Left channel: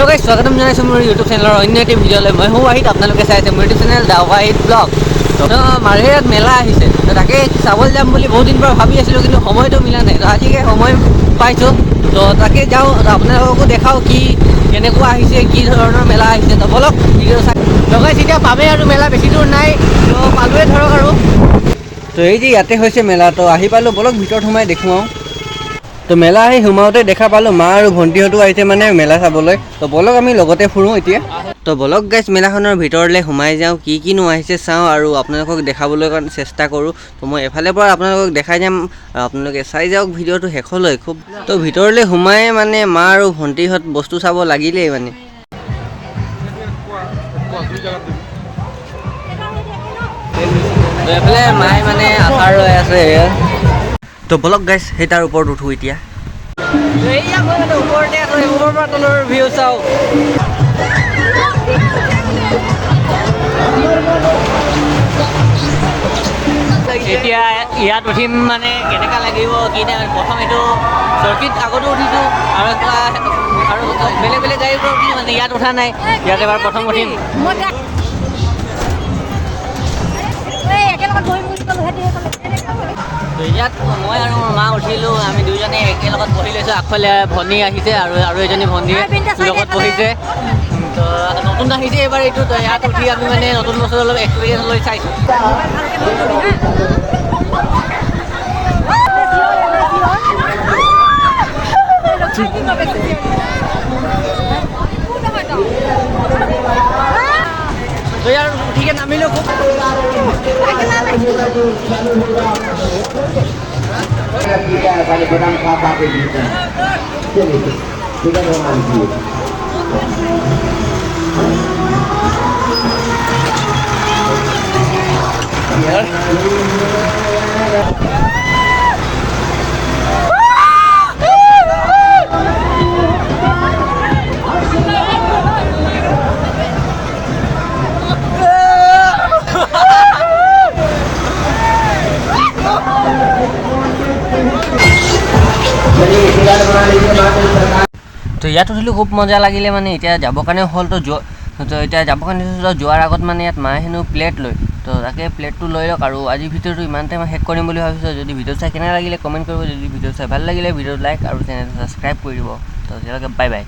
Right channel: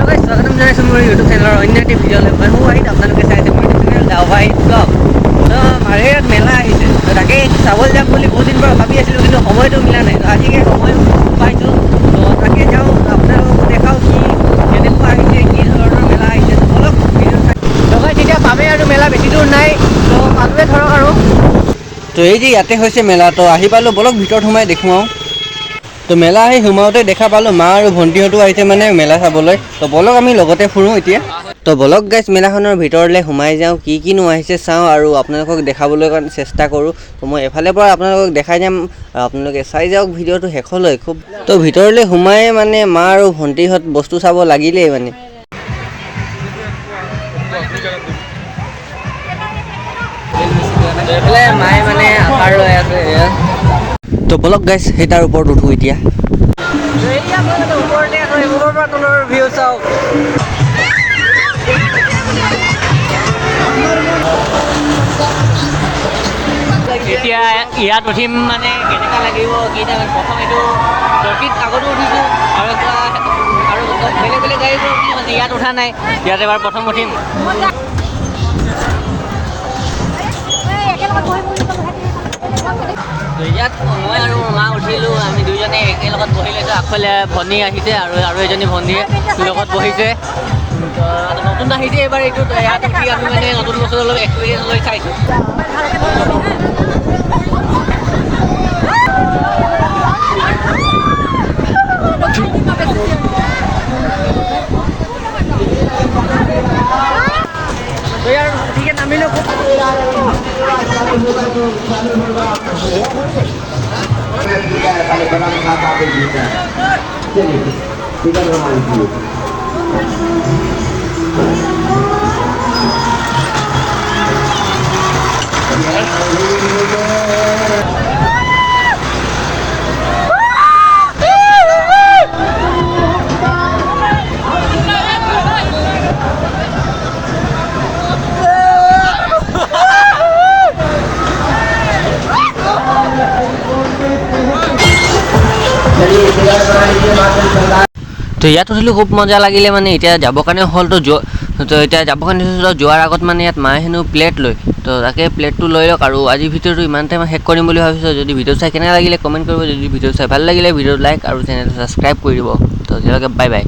Hello guys स्वागतम जनाइছোঁ মোৰ YouTube চেনেলৰ অন্য এটি ভিডিঅ'লৈ। মই ৱাহিদ, আপোনালোকে চাই আছে মোৰ ইউটিউব চেনেল দা ৱাহিদ ব্লগ। তো মাৰ্ঘেৰিয়াত মেলা আহিছে, তো তাকে চাবলৈ যাম বুলি বহুত দিন পৰা ভাবি আছিলোঁ, কিন্তু সময়টো মিলা নাই। তো আজিকে সময় পাইছোঁ, তো তাকে যাওঁ, আপোনালোককো দেখাওঁ কি কেনেকুৱা আহিছে, কি ধৰণৰ মেলা আহিছে। তো বলক ভিডিঅ' চাই। তো গাইস এতিয়া পামেই আৰু মেলা বেছি দূৰ নাই, তো পালোৱে ধৰক আৰু। তো এই যে ইয়াতে হৈছে মেলা, তো আহি পালোঁ, বলক ভিতৰত সোমাই দেখুৱাওঁ। তো মেলা আহি সোমাওঁতে দেখা পালোঁ মা আৰু ভণ্টিহঁতো আহিছে মানে মেলা চাবলৈ। তো বলক আমি লগতে ফুৰোঁ এতিয়া। তো বলক গাইছ মেলাখনৰ ভিতৰলৈ সোমাই যাওঁ, কি কিনো আহিছে চাওঁ আৰু আপোনালোকক দেখাবলৈ কাৰণে চেষ্টা কৰোঁ। তো মই এফালে পৰা আপোনালোকক দেখাই যাম, আপোনালোকে চাই যাওক ভিডিঅ'টো শেষলৈ খুব। তো ভিতৰলৈ সোমাই মানে মা আৰু ভণ্টিহঁত বস্তু চাব লাগিলেই মানে। এইফালে মায়ে মানে আচাৰ লৈ আছে। তো বলক গাইছ সেই তাৰ ওপৰত উঠোঁ এতিয়া। ওপৰতে ওপৰৰ পৰা তলৰ ভিউ চাওঁ। এতিয়া ইয়াত উঠিম মানে কেনেকুৱা লাগিব কি নাই, প্ৰথম এইটো চকীত আগতো উঠিছোঁ আৰু বেলেগ বেলেগ গাড়ীবোৰ উঠি মানে ইয়াত উঠা নাই, ইয়াত এবাৰ প্ৰথম উঠিম। ইয়াত মই আৰু মা উঠিলোঁ, আমি দুইজনে একেলগত বহি লৈছোঁ। আগফালে ভনী আহিছে আৰু এজনী ভনীয়ে লগত বহিছে। তো নতুন আহিছে এইবাৰ এইটো, তো ইয়াত উঠি আমি মানে নতুন বস্তু অলপ এক্সপিৰিয়েঞ্চ লৈ চাইছোঁ। তো ইয়াৰ উঠিকে নামিলোঁ খুব। তো ইয়াত উঠিলোঁ, খুব মজা লাগিলে মানে। এতিয়া যাবৰ কাৰণে হ'ল, তো এতিয়া যাবৰ কাৰণে যোৱাৰ আগত মানে ইয়াত মায়ে হেনো প্লেট লয়, তো তাকে প্লেটটো লৈ লওক। আৰু আজি ভিডিঅ'টো ইমানতে মই শেষ কৰিম বুলি ভাবিছোঁ। যদি ভিডিঅ' চাই কেনেকৈ লাগিলে কমেণ্ট কৰিব, যদি ভিডিঅ' চাই ভাল লাগিলে ভিডিঅ'টো লাইক আৰু চেনেলটো ছাবস্ক্ৰাইব কৰি দিব। তো আজিলৈকে বাই বাই।